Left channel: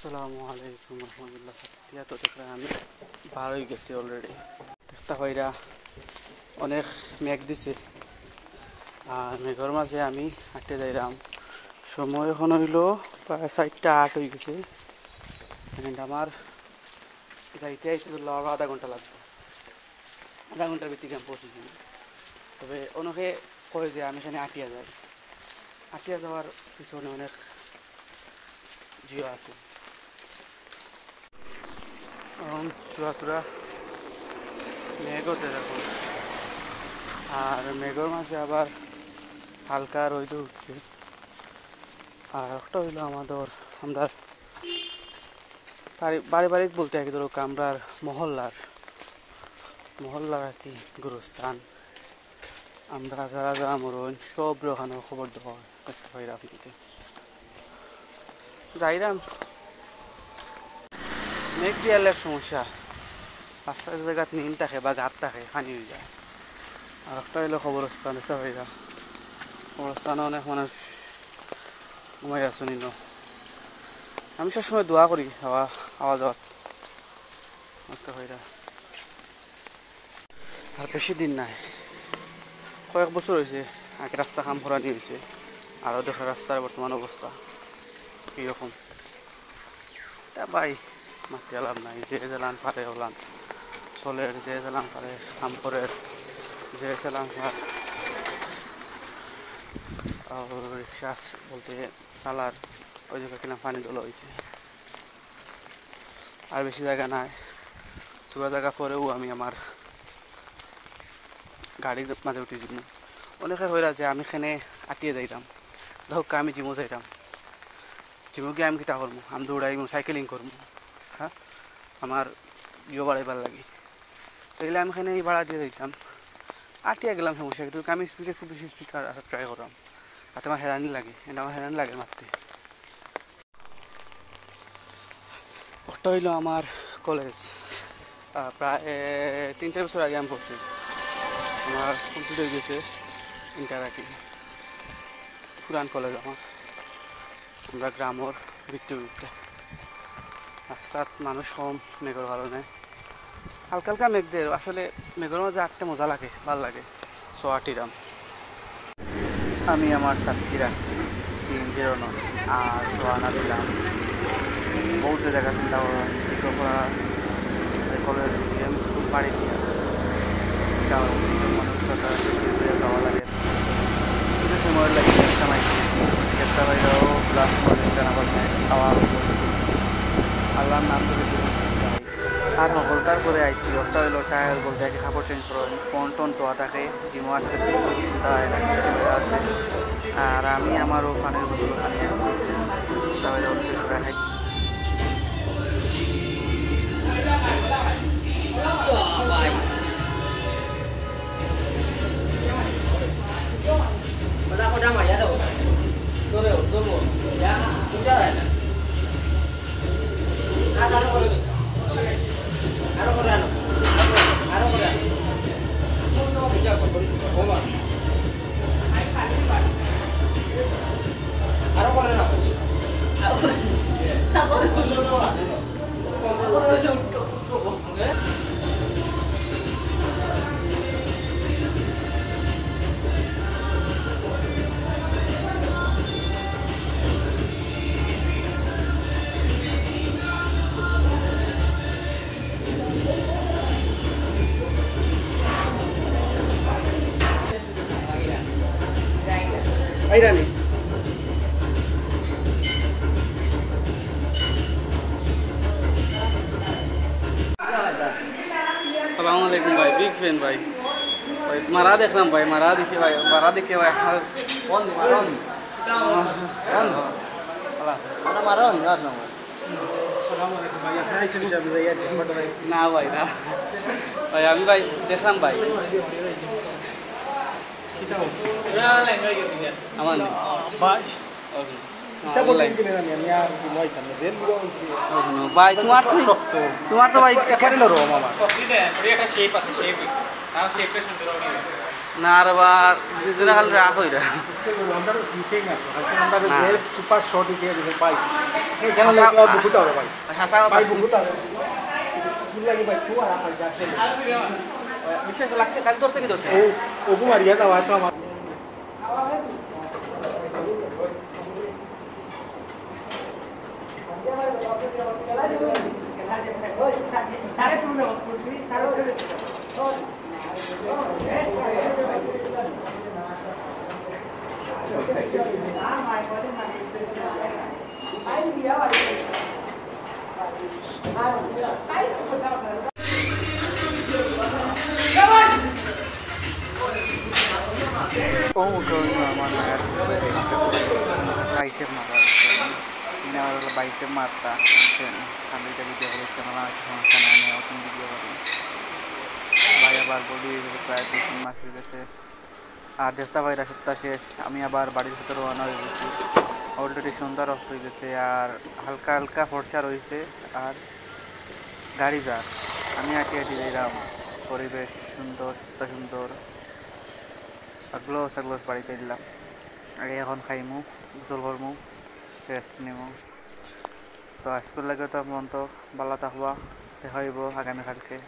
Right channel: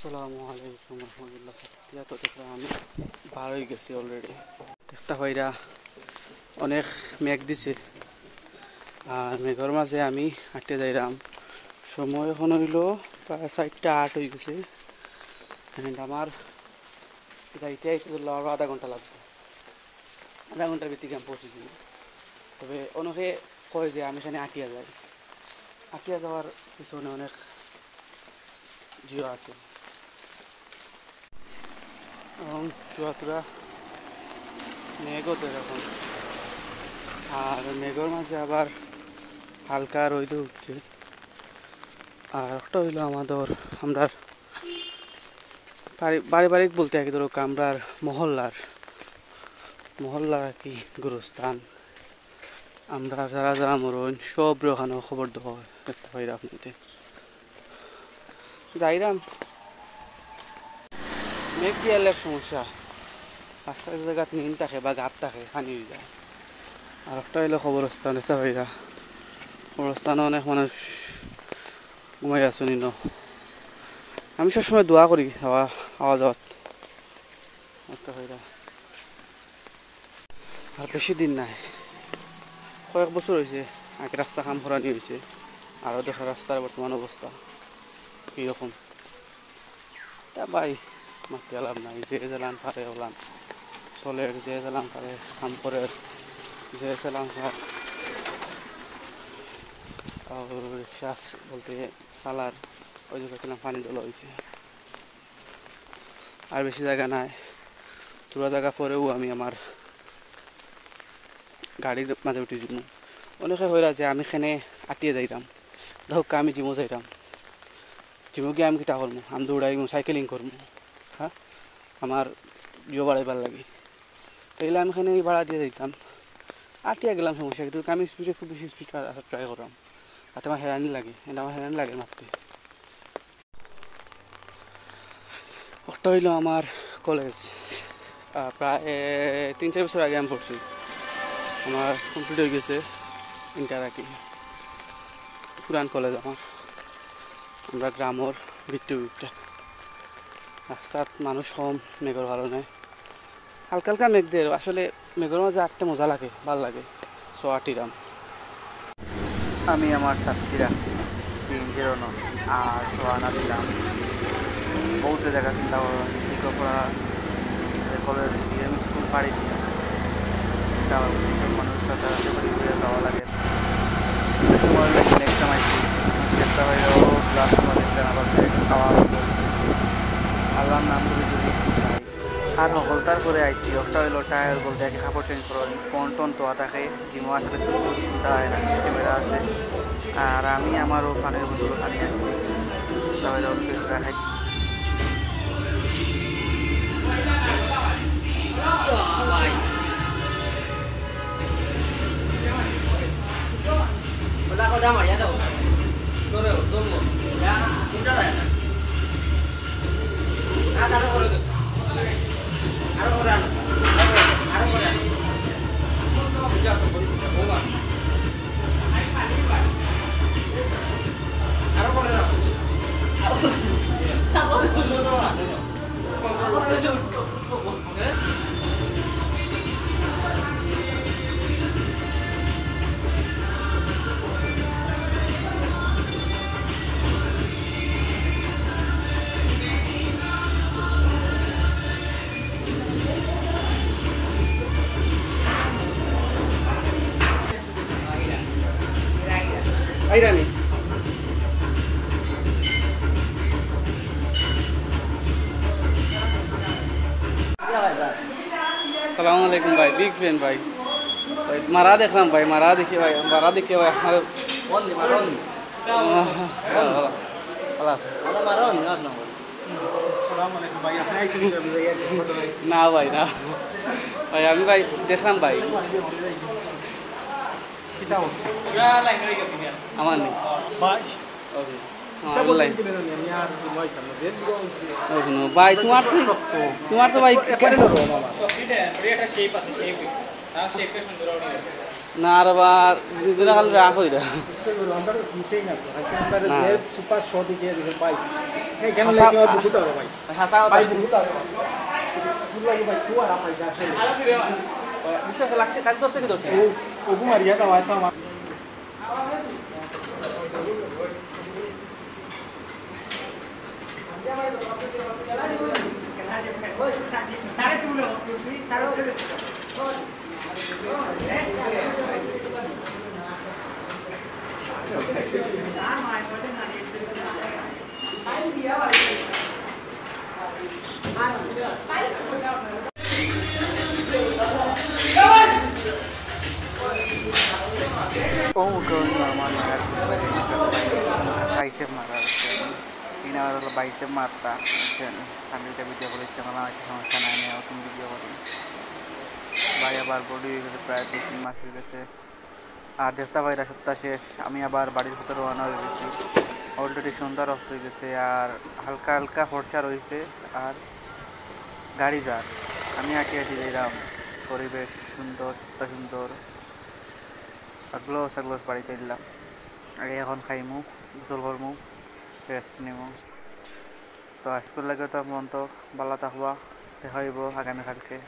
আসসালামুআলাইকুম রহমতুল্লাহ। সত্যিয়া তো দেখলাম আমি বার হয়ে গেছি অলরেডি। দেখতে পাইরা অনেক মেঘ দিছে আর মেঘের মাঝে আমি হাঁটতে যাইলাম। সময় এখন হইল প্রায় 4:08 হয়ে গেছে। আমার যাইতে আইতে আরো আধা ঘন্টা লাগবে, আধা ঘন্টার ভিত্তিকে আমি পৌঁছে দিই। তবে অনেকে কয় যে আমি এখানে আটিয়া যাই, আটিয়া যাওয়ার পিছনে অনেক জিও আছে এবং তুরা মেঘ ওঠে এখন। আর মেঘের মাঝে আবার হালকা রোদ উঠছে। আর একটা হইলো আমরা পারিবারিক বলতে আর কি, ধরো আমরার মহল্লার আর কি গুরুস্থান। আমরা যারা যারা মরণ সব ওখানে খবর দেওয়া দেখতে পাই আপনাদের যাইরাম। মেঘ দিয়ে এক সমস্যা, রাস্তার জায়গাত নিম থাকে বা গাত থাকে পানি হয়ে যায়। আর একটা হইলো কবরস্থান, দেখতে পাইরা কবরস্থানে অনেক মানুষ ঘুমাই আছো নিল। আমি সবসময় দোয়া করি আওয়া যাওয়ার দেখতে পাইরা। আর বেশি দিন নাই, কয়েক বছর হয়েছে আগে রাস্তা কাম করানি হয়েছে। আরও দেখা রাস্তার বর্তমান অবস্থা কীরকম। তা ভাই মাতি লাভ নাই, যে চালান পারে ওলান চলের, যে চালান পারে খামপরের, যে চালান পার রিক্সা বলতে চালার ওই জায়গা কিনা পানি তোলা হয়েছে। আর বেশি জায়গা নাই, পুরো জায়গা পরেও আমি আমার গাড়ির মাঝে উঠে যাব। অনেকে হইরা যে আমি এখানে আটিয়ে যাইতাম, ধরক আমি জিমও যাইতাম, জিমো গিয়ে আমি কিতা করবো, আমি দৌড়াইমু, সাইকেলিং করবো। হ্যাঁ, আমার ইয়ে বাড়াইবার লাগে, তাইলে আমি এখানে ভাড়া দিয়ে যাইতাম, আটিয়া গেলাম সমস্যা। কিন্তু আমি স্পিডে খুব বেশি স্পিড ট্রাই করলাম, তাতে আমার হেরানি লাগে, এটা আমার হেরানি লাগে মারতে। একটা হইল আমার কলেজ, প্রায় 3-4 বছর আগে আমি পড়ছি, আমার কমপ্লিট হয়ে গেছে ইন্টার আর কি। পুরান কলেজ আমার, আমরা গ্রামের ভিত্তিটা রাস্তাত মানুষ কম, মেঘর ভালো নেই, হালকা হালকা মেঘ দিয়ে। আসলে মেঘর মাঝে আটটা মজা লাগে, ভালো লাগে। সো আটিরাম আমি আমার ছাত্রী রাখছি CNG আর সোয়ানা দিলাম। বহুত জায়গা চিন্তা করা পড়া কলেজ আমি স্কুল পাড়ি দিয়া মানুষের সাথে যাওয়া লাগে। কিছু সময় লাগে নেক্সট আইছি চেষ্টা বাইরেও ক্লাস দেখলেন আবার খাওয়া করছি। আল্লাহর নাম ধরে যদি যাই আর সকলতার করে আইছি। একটা হইলো টায়ার বলতে একে কাপড় চেঞ্জ করেন, ফোন টোন তোয়া থাকে, জিমো আসলে চিন্তা হয় না, ক্যামেরা আছে। আর আমি আমারও পানির বোতল পানি আনছি, সবাই অন্য কিছু রাখাই। Airani. Assalamualaikum भाई, बिग फैन भाई। मारा देख रहा हूँ भाई, मारा देखिए भाई, मारा देखिए भाई। कौन दी मारा नहीं? कौन? अरे मारा नहीं आज ना भाई। Assalamualaikum भाई, अपना ही चली जाती है यार, फोटो भाई। ना भाई ना, भाई अभी भाई देख रहा हूँ भाई। कितना हो? यार लाइन में कितनी है? अमन। भाई। ओके। এটা বলেন কি না আমি আর কি নয় কেন দেন দিও ভাই। তোমার তো ভাই কেন রো মামা সত্যি দেন, এটা শেপ আছে, শেপ আর শেপে সুন্দর হবে। না আর বার দুদিনে খালি রাগ হই রা সুপার শর্ট দিয়ে দিতে পাই এই কেন লাগে বহুত হবে ভাই হাসা কথা ভাই বহুত হবে বুঝ লাগে ভাই তো আর ভাই যাচ্ছে বিশ্বাস লাগছে কাল ধরছে কি ধরছে এই ওগু মারিয়া দাও তো আমার Oh, going naman na yun. Bicep maral. Inawaral bicep marta. Yan. Kami ka video ko ulit. Tsaka lang ito sa mga sanay na itong video ko rin. Baya bar body kasi প্রায় 2-3 মাস হয়ে গেছে আর দেখতে পাইরা সপ্তাহ শেষ আমি আবার বাড়ির ভিতরে রওনা হয়ে গেছি অলরেডি সন্ধ্যা রক্ত হয়ে গেছে আর হালকা হালকা ফর্সা রয়েছে আর গাড়ি যার আমি আঁটি আঁটি যাইলাম পরিবেশ সুন্দর সুন্দর গ্লোস গ্লোস বাড়িতে দিলাম আগে এখন খাইমু গোসল করমু রেস্ট নিমু তো স্কুল লাগে তো মন তো ভালো থাকবা দেখা হইব আগামীকালকে